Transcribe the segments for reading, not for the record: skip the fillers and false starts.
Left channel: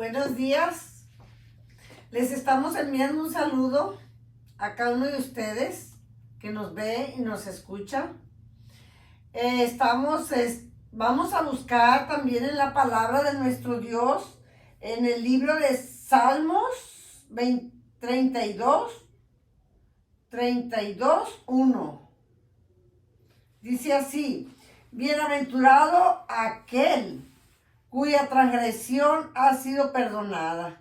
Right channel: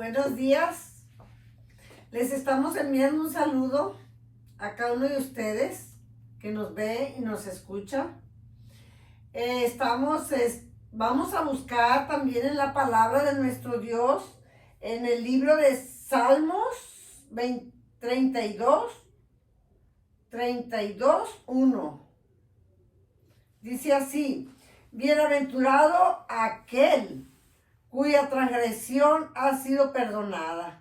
Buenos días. Les estamos enviando un saludo a cada uno de ustedes que nos ve y nos escucha. Vamos a buscar también en la palabra de nuestro Dios, en el libro de Salmos 32, 1. Dice así: bienaventurado aquel cuya transgresión ha sido perdonada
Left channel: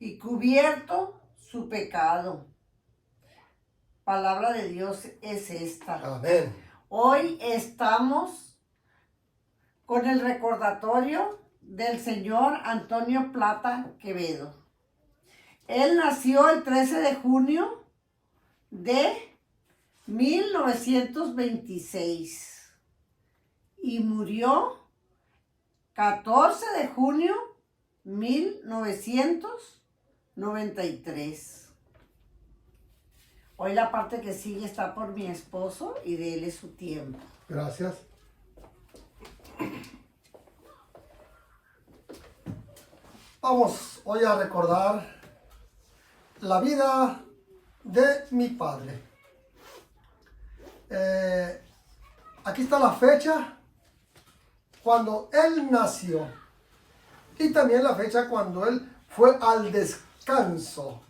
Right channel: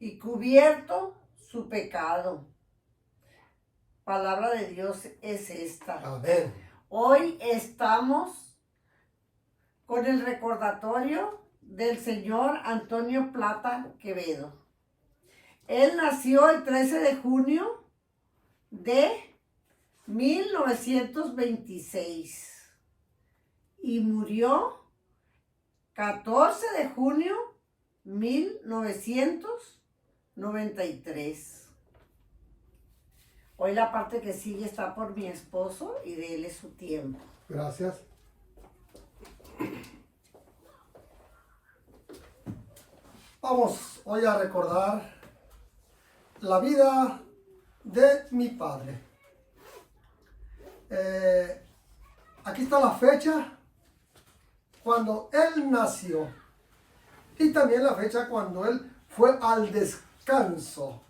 y cubierto su pecado. Palabra de Dios es esta. Amén. Hoy estamos con el recordatorio del señor Antonio Plata Quevedo. Él nació el 13 de junio de 1926 y murió 14 de junio 1993. Hoy la parte que sigue está por mi esposo y de él es su tiempo. Gracias. Vamos hoy a recordar la vida de mi padre. Aquí está la fecha cuando él nació y también la fecha cuando él fue al descanso.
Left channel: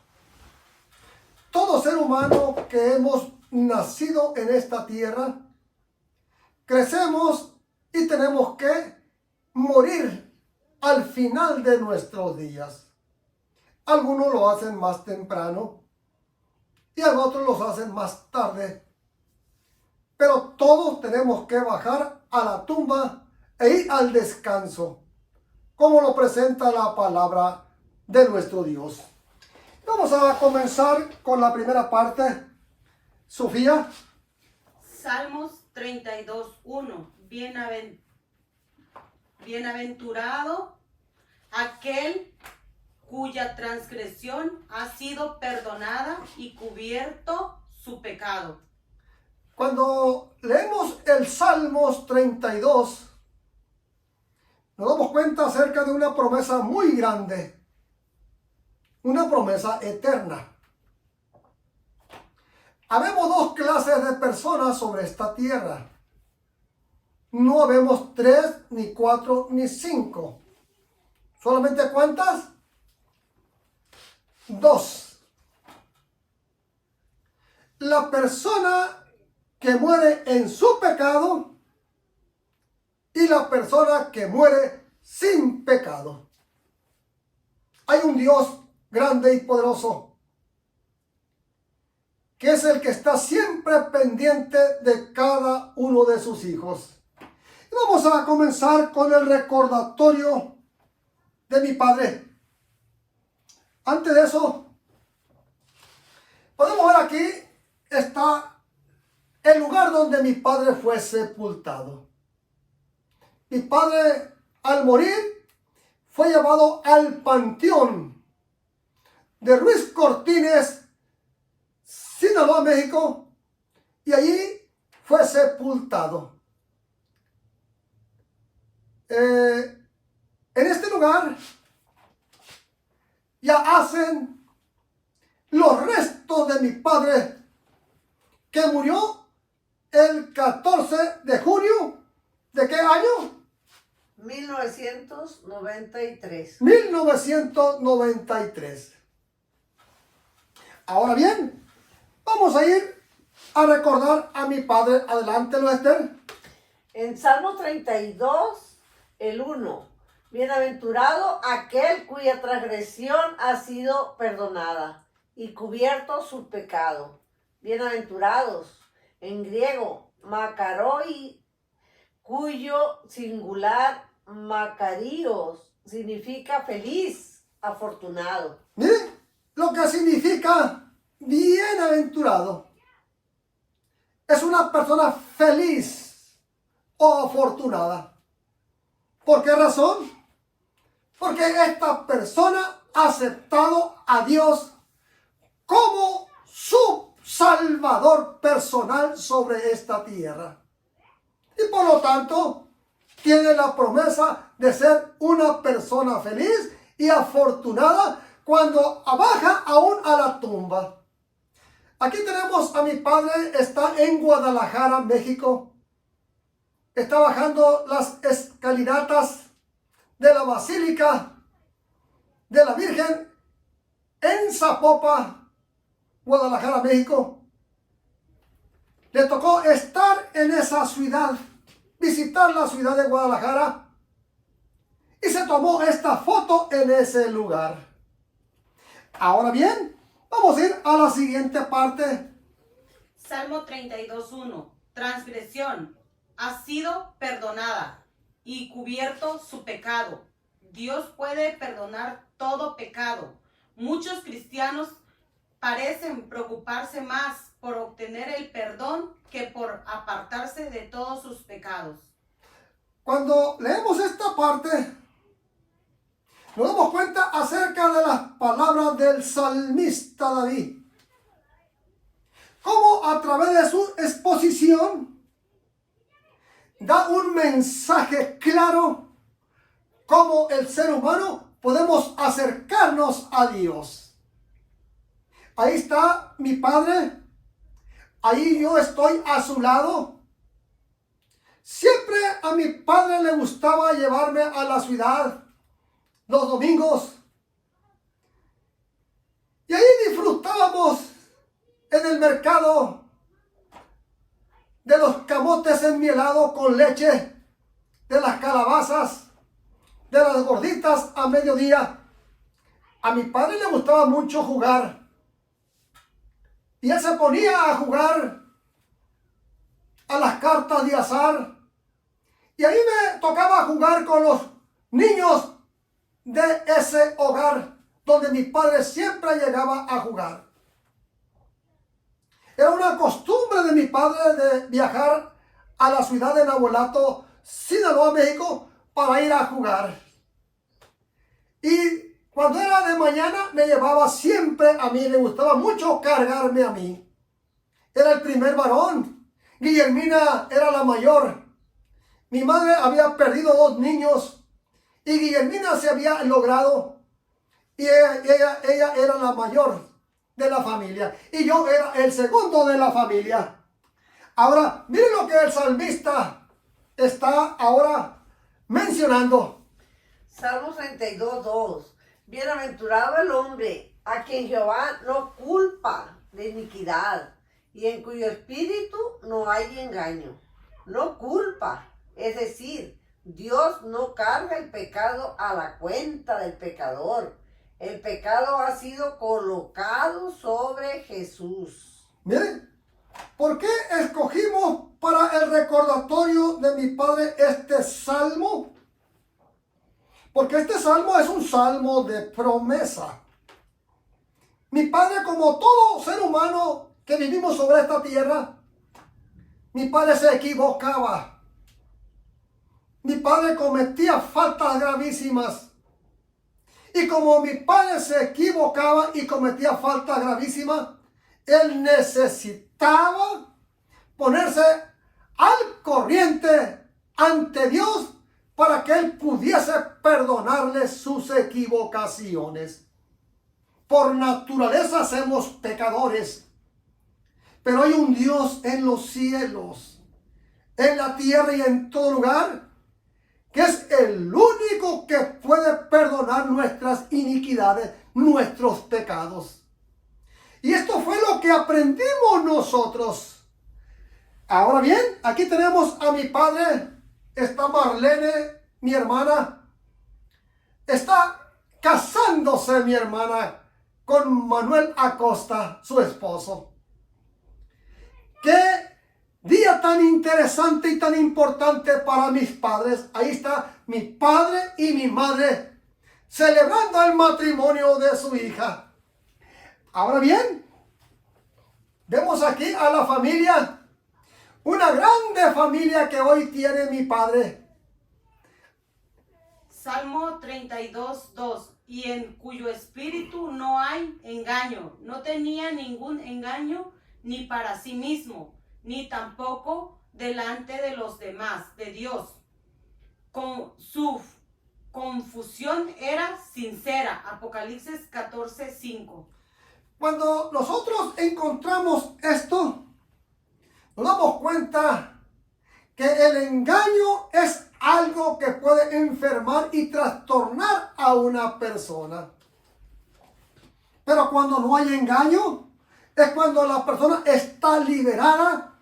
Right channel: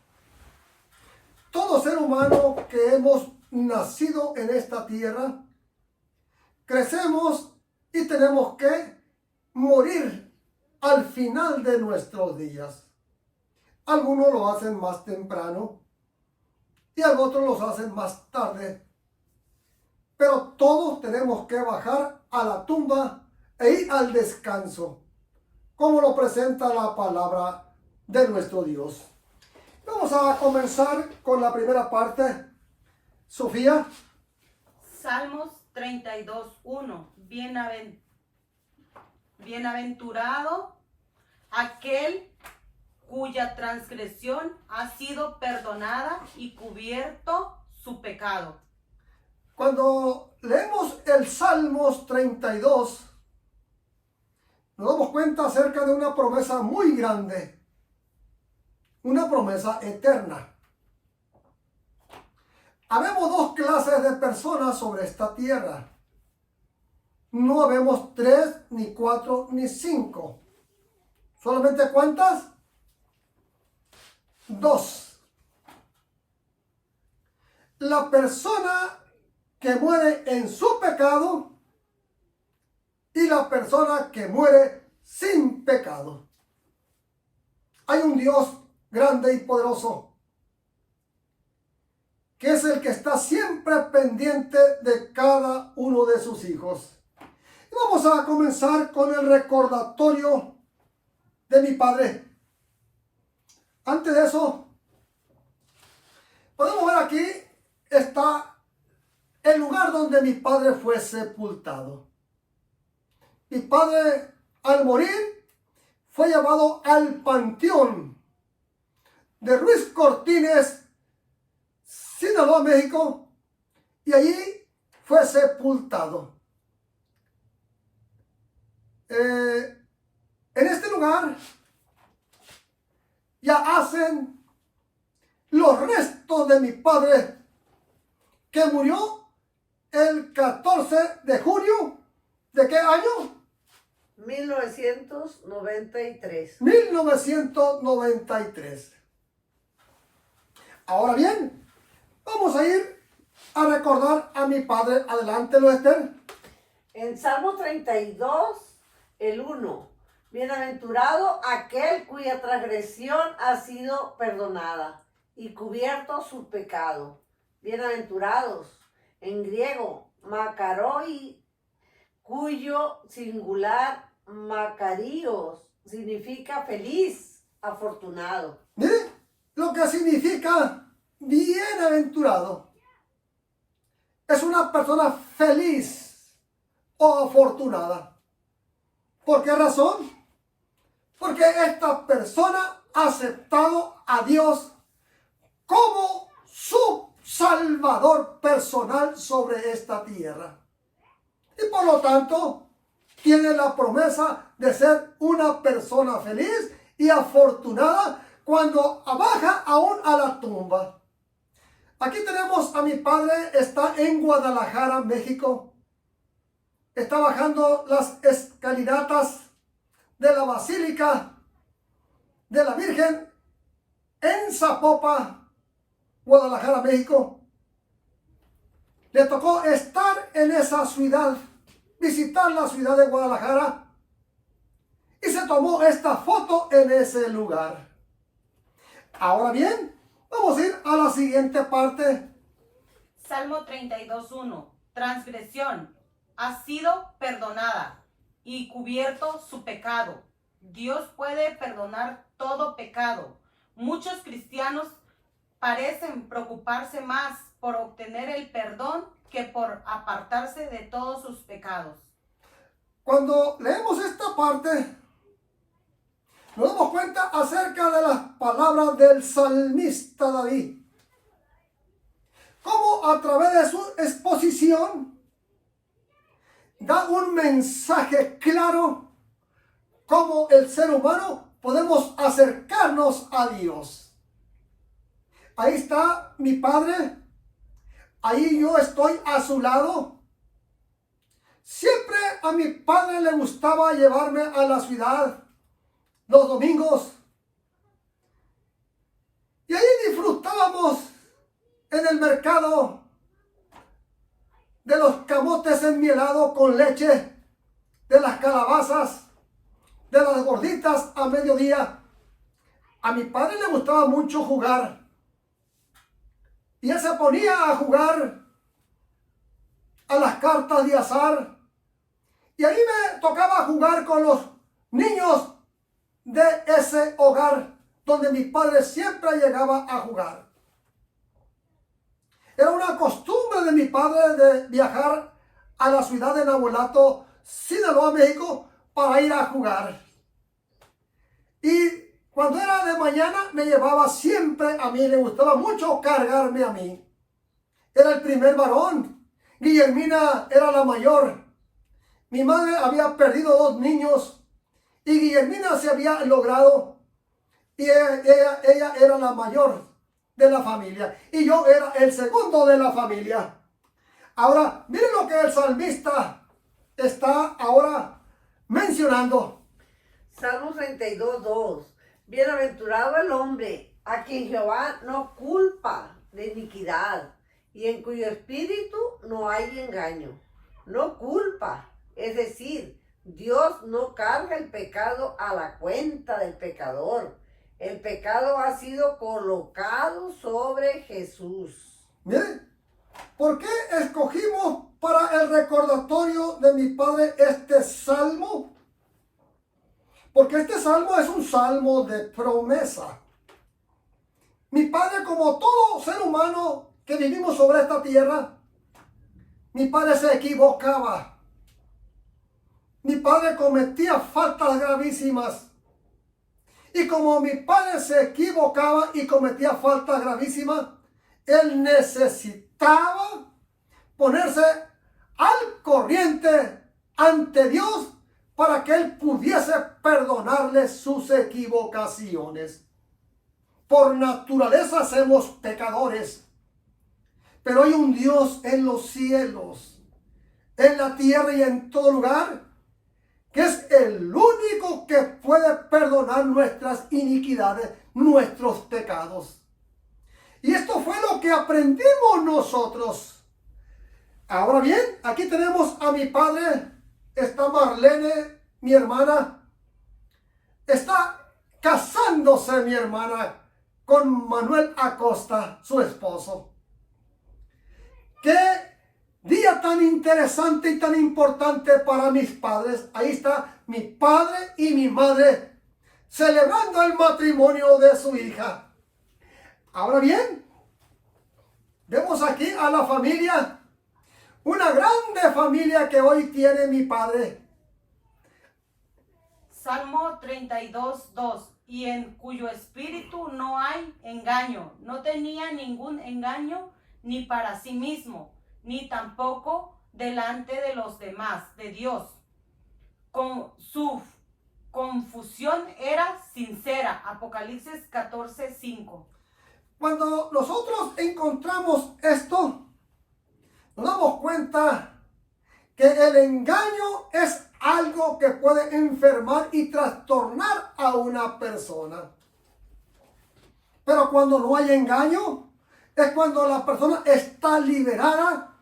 Todo ser humano que hemos nacido en esta tierra, crecemos y tenemos que morir al final de nuestros días. Algunos lo hacen más temprano y otros los hacen más tarde. Pero todos tenemos que bajar a la tumba e ir al descanso, como lo presenta la palabra de nuestro Dios. Vamos a comenzar con la primera parte. Sofía. Salmos 32:1. Bienaventurado aquel cuya transgresión ha sido perdonada y cubierto su pecado. Cuando leemos el Salmos 32, nos damos cuenta acerca de una promesa muy grande, una promesa eterna. Habemos dos clases de personas sobre esta tierra. No habemos 3, ni 4, ni 5. ¿Solamente cuántas? 2. La persona que muere en su pecado y la persona que muere sin pecado. Hay un Dios grande y poderoso que es el que está siempre pendiente de cada uno de sus hijos. Y vamos a comenzar con el recordatorio de mi padre. Antes de eso, podemos ver aquí está el lugar donde mi padre fue sepultado. Mi padre, al morir, fue llevado al panteón de Ruiz Cortines, Sinaloa, México, y allí fue sepultado. En este lugar ya hacen los restos de mi padre, que murió el 14 de junio, ¿de qué año? 1993. 1993. Ahora bien, vamos a ir a recordar a mi padre. Adelante, Lester. En Salmo 32, el 1. Bienaventurado aquel cuya transgresión ha sido perdonada y cubierto su pecado. Bienaventurados, en griego, makaroi, cuyo singular makarios significa feliz, afortunado. Mire lo que significa bienaventurado. Es una persona feliz o afortunada. ¿Por qué razón? Porque esta persona ha aceptado a Dios como su Salvador personal sobre esta tierra. Y por lo tanto, tiene la promesa de ser una persona feliz y afortunada cuando baja aún a la tumba. Aquí tenemos a mi padre, está en Guadalajara, México. Está bajando las escalinatas de la Basílica de la Virgen en Zapopan, Guadalajara, México. Le tocó estar en esa ciudad, visitar la ciudad de Guadalajara, y se tomó esta foto en ese lugar. Ahora bien, vamos a ir a la siguiente parte. Salmo 32:1. Transgresión ha sido perdonada y cubierto su pecado. Dios puede perdonar todo pecado. Muchos cristianos parecen preocuparse más por obtener el perdón que por apartarse de todos sus pecados. Cuando leemos esta parte, nos damos cuenta acerca de las palabras del salmista David. Cómo a través de su exposición da un mensaje claro cómo el ser humano podemos acercarnos a Dios. Ahí está mi padre, ahí yo estoy a su lado. Siempre a mi padre le gustaba llevarme a la ciudad los domingos. Y ahí disfrutábamos en el mercado de los camotes enmielados con leche, de las calabazas, de las gorditas a mediodía. A mi padre le gustaba mucho jugar. Y él se ponía a jugar a las cartas de azar. Y ahí me tocaba jugar con los niños de ese hogar donde mi padre siempre llegaba a jugar. Era una costumbre de mi padre de viajar a la ciudad de Navolato, Sinaloa, México, para ir a jugar. Y cuando era de mañana me llevaba siempre a mí, le gustaba mucho cargarme a mí. Era el primer varón. Guillermina era la mayor. Mi madre había perdido 2 niños y Guillermina se había logrado, y ella era la mayor de la familia y yo era el segundo de la familia. Ahora, miren lo que el salmista está ahora mencionando. Salmo 32:2. Bienaventurado el hombre a quien Jehová no culpa de iniquidad y en cuyo espíritu no hay engaño. No culpa, es decir, Dios no carga el pecado a la cuenta del pecador. El pecado ha sido colocado sobre Jesús. Miren, ¿por qué escogimos para el recordatorio de mi padre este salmo? Porque este salmo es un salmo de promesa. Mi padre, como todo ser humano que vivimos sobre esta tierra, mi padre se equivocaba. Mi padre cometía faltas gravísimas. Y como mi padre se equivocaba y cometía faltas gravísimas, él necesitaba ponerse al corriente ante Dios para que él pudiese perdonarle sus equivocaciones. Por naturaleza somos pecadores, pero hay un Dios en los cielos, en la tierra y en todo lugar, que es el único que puede perdonar nuestras iniquidades, nuestros pecados. Y esto fue lo que aprendimos nosotros. Ahora bien, aquí tenemos a mi padre, está Marlene, mi hermana, está casándose mi hermana con Manuel Acosta, su esposo. ¡Qué día tan interesante y tan importante para mis padres! Ahí está mi padre y mi madre celebrando el matrimonio de su hija. Ahora bien, vemos aquí a la familia, una grande familia que hoy tiene mi padre. Salmo 32:2. Y en cuyo espíritu no hay engaño. No tenía ningún engaño ni para sí mismo, ni tampoco delante de los demás, de Dios. Con su confusión era sincera. Apocalipsis 14:5. Cuando nosotros encontramos esto, nos damos cuenta que el engaño es algo que puede enfermar y trastornar a una persona. Pero cuando no hay engaño, es cuando la persona está liberada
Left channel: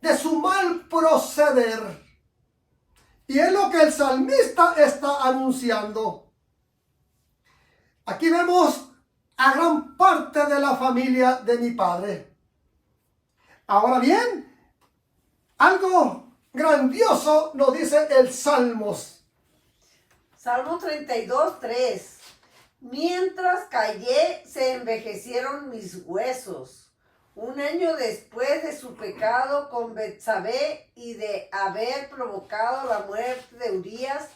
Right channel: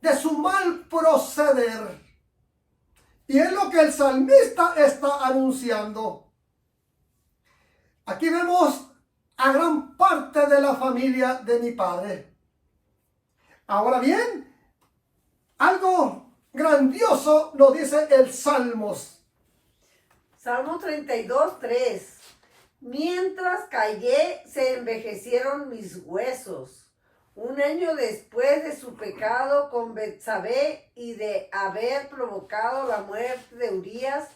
de su mal proceder. Y es lo que el salmista está anunciando. Aquí vemos a gran parte de la familia de mi padre. Ahora bien, algo grandioso nos dice el Salmos. Salmo 32:3. Mientras callé, se envejecieron mis huesos. Un año después de su pecado con Betsabé y de haber provocado la muerte de Urías,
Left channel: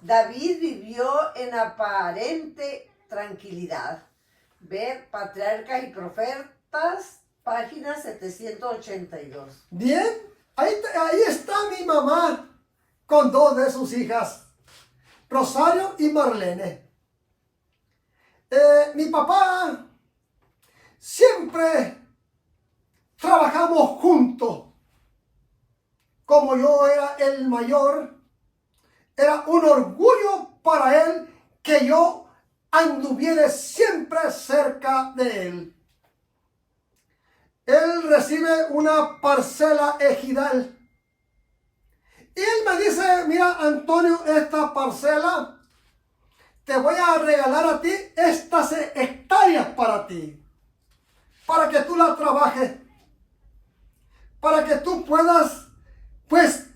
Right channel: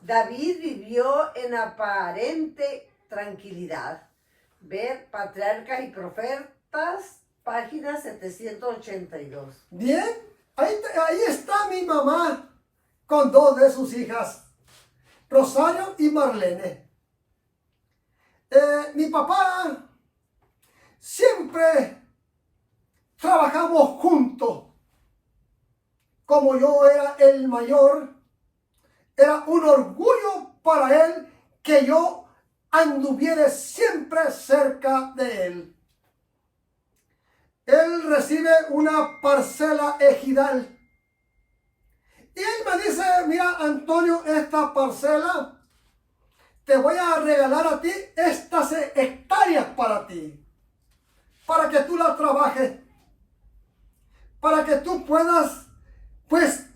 David vivió en aparente tranquilidad. Ver Patriarcas y Profetas, página 782. Bien, ahí está mi mamá con dos de sus hijas, Rosario y Marlene. Mi papá siempre trabajamos juntos. Como yo era el mayor, era un orgullo para él que yo anduviera siempre cerca de él. Él recibe una parcela ejidal. Y él me dice, mira, Antonio, esta parcela te voy a regalar a ti estas hectáreas para ti, para que tú la trabajes, para que tú puedas, pues,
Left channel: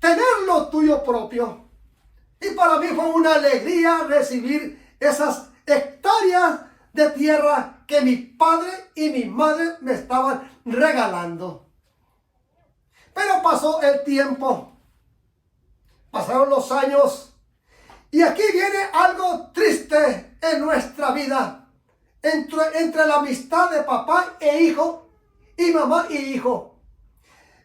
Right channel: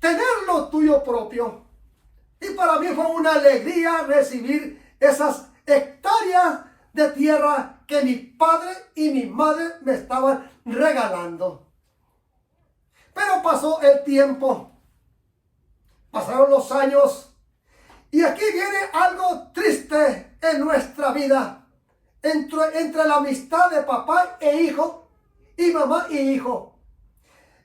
tener lo tuyo propio. Y para mí fue una alegría recibir esas hectáreas de tierra que mi padre y mi madre me estaban regalando. Pero pasó el tiempo, pasaron los años, y aquí viene algo triste en nuestra vida, entre la amistad de papá e hijo, y mamá y hijo.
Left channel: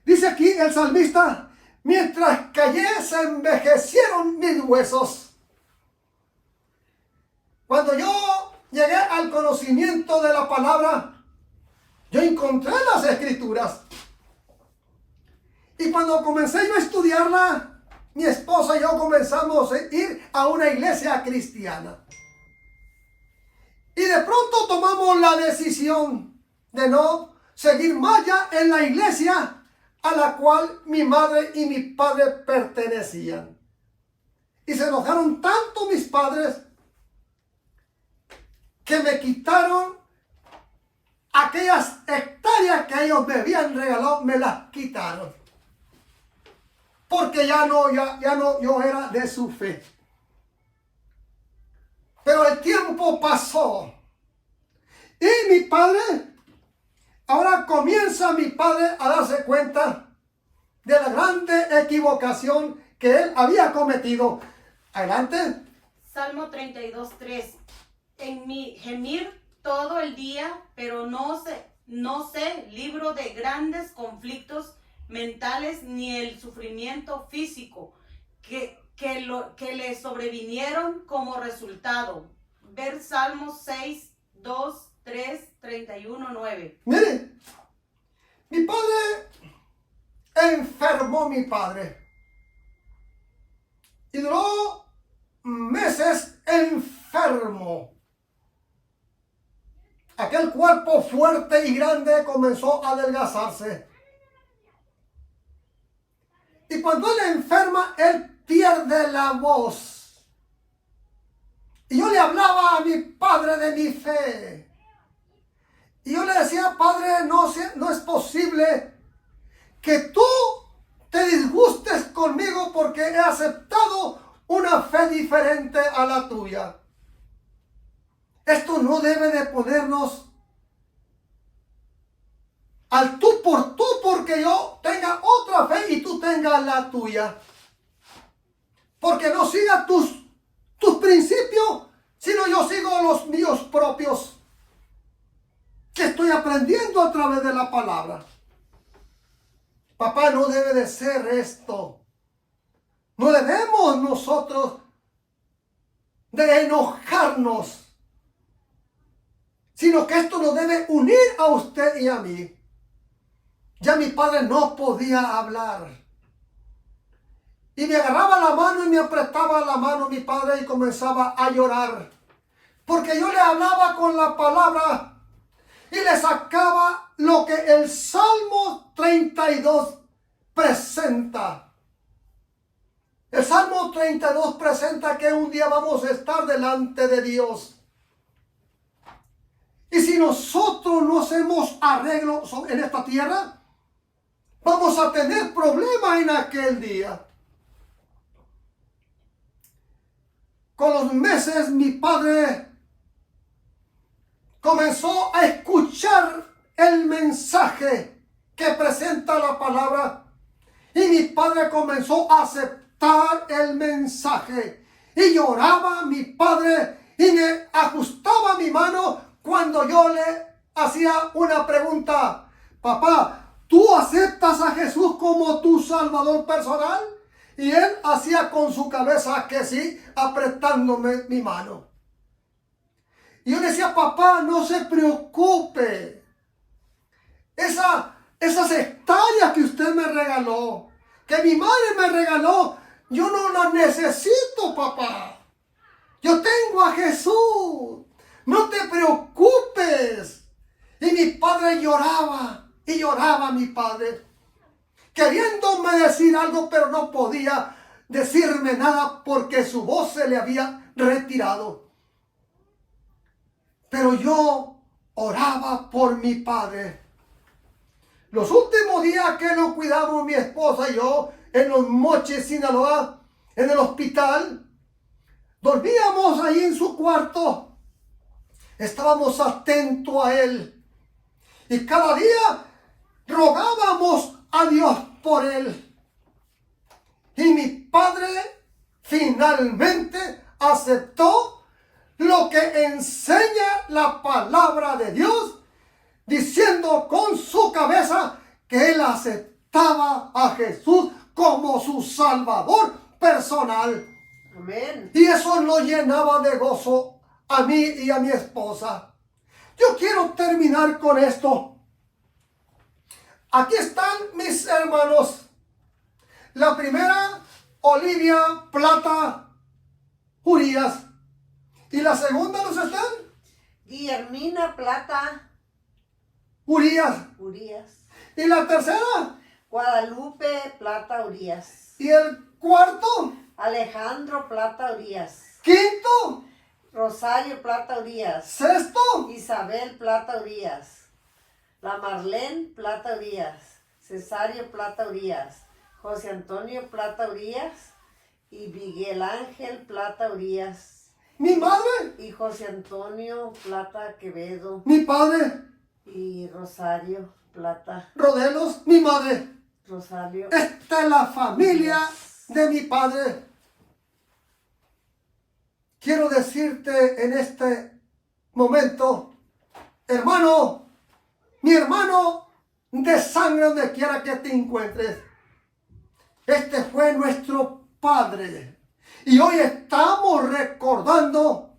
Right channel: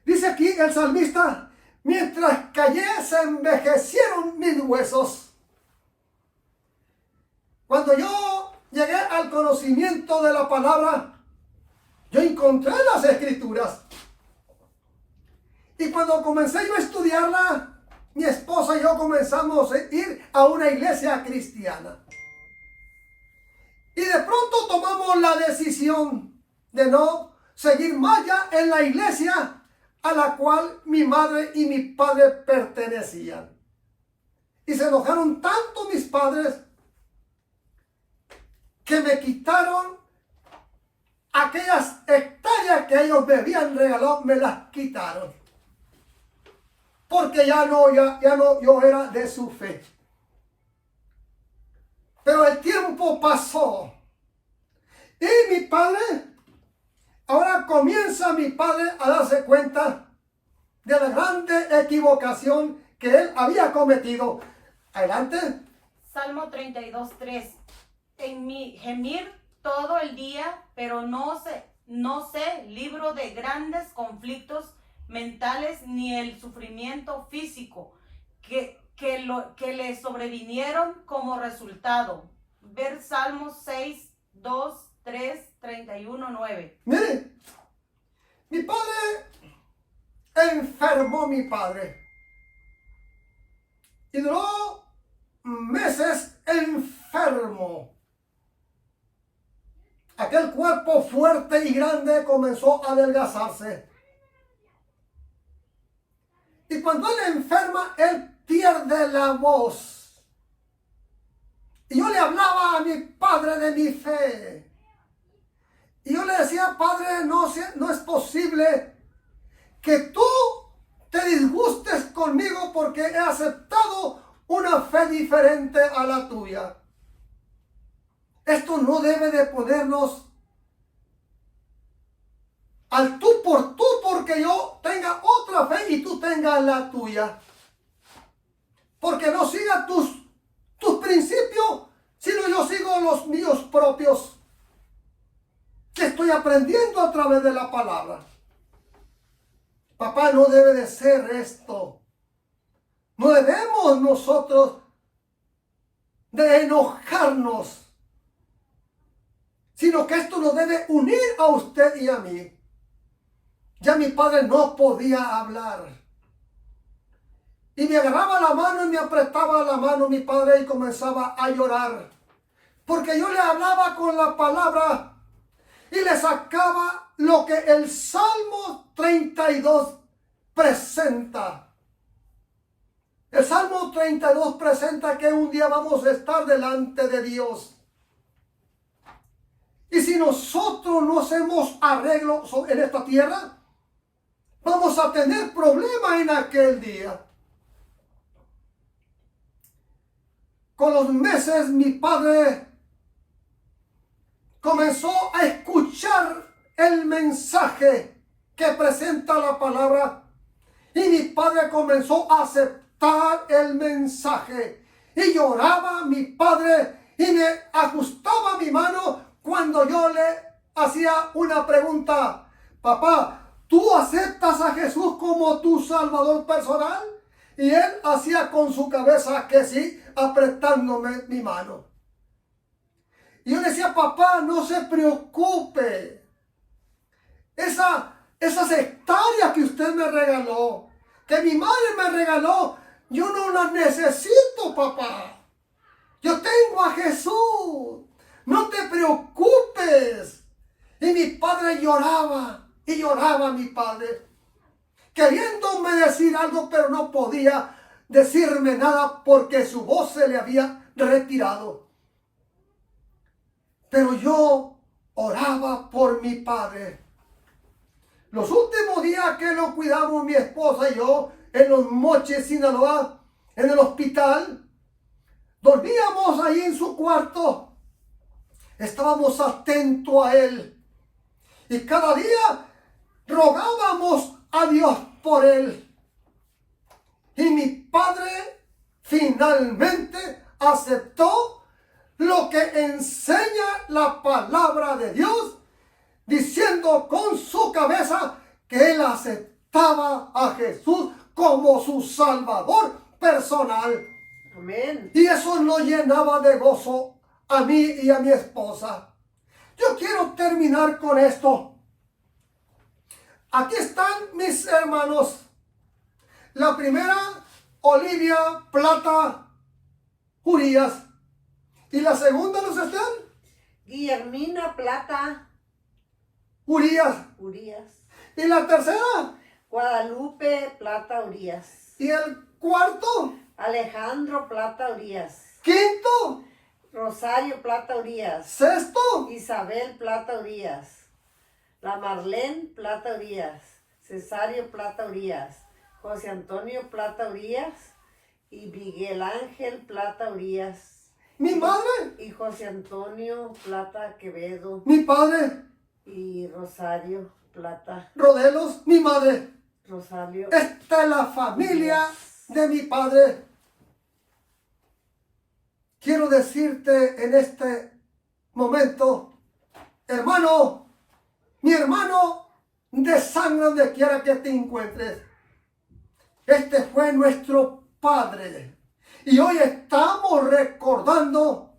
Dice aquí el salmista, mientras callé se envejecieron mis huesos. Cuando yo llegué al conocimiento de la palabra, yo encontré las escrituras. Y cuando comencé yo a estudiarla, mi esposa y yo comenzamos a ir a una iglesia cristiana. Y de pronto tomamos la decisión de no seguir más ya en la iglesia a la cual mi madre y mi padre pertenecían. Y se enojaron tanto mis padres que me quitaron aquellas hectáreas que ellos me habían regalado, me las quitaron. Porque ya no, yo era de su fe. Pero el tiempo pasó. Y mi padre, ahora comienza mi padre a darse cuenta de la grande equivocación que él había cometido. Adelante. Salmo 32:3. En mi gemir todo el día, pero no sé, libro de grandes conflictos mentales ni el sufrimiento físico que le sobrevinieron como resultado. Ver Salmos 6, 2, 3, 31, 9. Mire, mi padre enfermó mi padre. Y duró meses enfermo. Aquel cuerpo fuerte y grande comenzó a adelgazarse. Y cuando él enferma, él pierde la voz. Y yo le hablaba a mi padre de mi fe. Y yo le decía, padre, no es posible que tú te disgustes conmigo porque he aceptado una fe diferente a la tuya. Esto no debe de ponernos al tú por tú, porque yo tenga otra fe y tú tengas la tuya. Porque no siga tus principios, sino yo sigo los míos propios, que estoy aprendiendo a través de la palabra. Papá, no debe de ser esto. No debemos nosotros de enojarnos, sino que esto nos debe unir a usted y a mí. Ya mi padre no podía hablar. Y me agarraba la mano y me apretaba la mano mi padre y comenzaba a llorar. Porque yo le hablaba con la palabra y le sacaba lo que el Salmo 32 presenta. El Salmo 32 presenta que un día vamos a estar delante de Dios. Y si nosotros no hacemos arreglo en esta tierra, vamos a tener problemas en aquel día. Con los meses mi padre comenzó a escuchar el mensaje que presenta la palabra y mi padre comenzó a aceptar el mensaje y lloraba mi padre y me ajustaba mi mano cuando yo le hacía una pregunta. Papá, ¿tú aceptas a Jesús como tu Salvador personal? Y él hacía con su cabeza que sí, apretándome mi mano. Y yo le decía, papá, no se preocupe. Esas hectáreas que usted me regaló, que mi madre me regaló, yo no las necesito, papá. Yo tengo a Jesús. No te preocupes. Y mi padre lloraba y lloraba mi padre, queriéndome decir algo, pero no podía decirme nada porque su voz se le había retirado. Pero yo oraba por mi padre. Los últimos días que lo cuidamos mi esposa y yo en Los Mochis, Sinaloa, en el hospital, dormíamos ahí en su cuarto. Estábamos atentos a él. Y cada día rogábamos a Dios por él. Y mi padre finalmente aceptó lo que enseña la palabra de Dios, diciendo con su cabeza que él aceptaba a Jesús como su Salvador personal. Amén. Y eso lo llenaba de gozo a mí y a mi esposa. Yo quiero terminar con esto. Aquí están mis hermanos. La primera, Olivia Plata Urias. Y la segunda, ¿no están? Guillermina Plata Urias. Urias. Y la tercera. Guadalupe Plata Urias. Y el cuarto. Alejandro Plata Urias. Quinto. Rosario Plata Urias. Sexto. Isabel Plata Urias. La Marlene Plata Urias. Cesario Plata Urias. José Antonio Plata Urias. Y Miguel Ángel Plata Urias. Mi madre. Y José Antonio Plata Quevedo. Mi padre. Y Rosario Plata. Rodelos. Mi madre. Rosario. Esta es la familia de mi padre. Quiero decirte en este momento, hermano, mi hermano de sangre donde quiera que te encuentres, este fue nuestro padre. Y hoy estamos recordando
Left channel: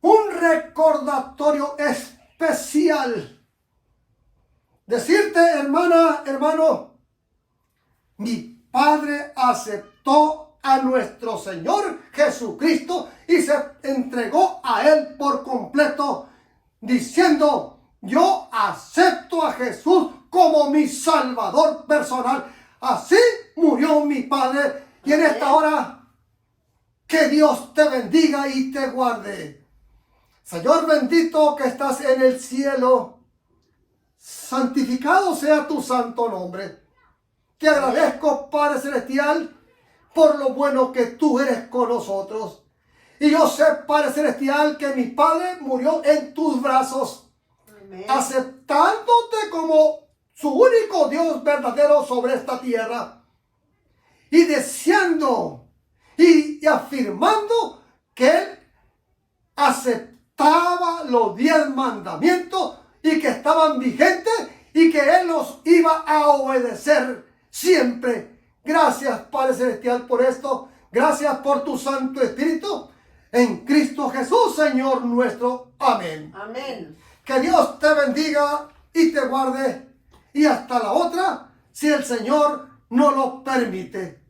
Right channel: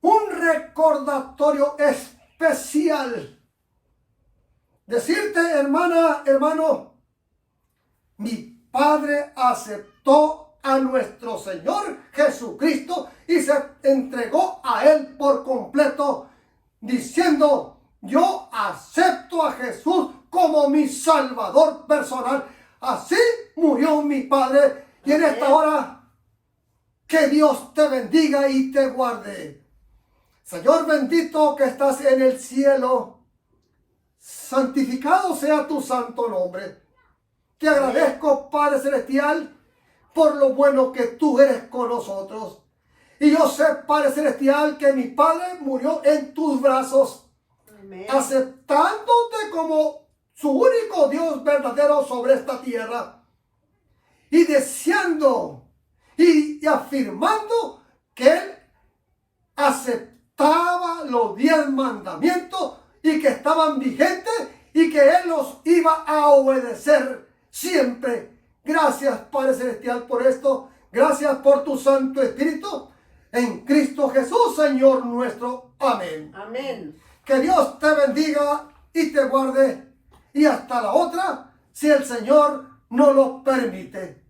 un recordatorio especial. Decirte, hermana, hermano, mi padre aceptó a nuestro Señor Jesucristo y se entregó a Él por completo, diciendo, yo acepto a Jesús como mi Salvador personal. Así murió mi padre. Y en esta hora, que Dios te bendiga y te guarde. Señor bendito que estás en el cielo, santificado sea tu santo nombre. Te agradezco, Padre Celestial, por lo bueno que tú eres con nosotros. Y yo sé, Padre Celestial, que mi Padre murió en tus brazos, Amén. aceptándote como su único Dios verdadero sobre esta tierra. Y deseando y afirmando que Él aceptaba los 10 mandamientos y que estaban vigentes y que Él los iba a obedecer siempre. Gracias, Padre Celestial, por esto. Gracias por tu Santo Espíritu. En Cristo Jesús, Señor nuestro. Amén. Amén. Que Dios te bendiga y te guarde. Y hasta la otra, si el Señor no lo permite.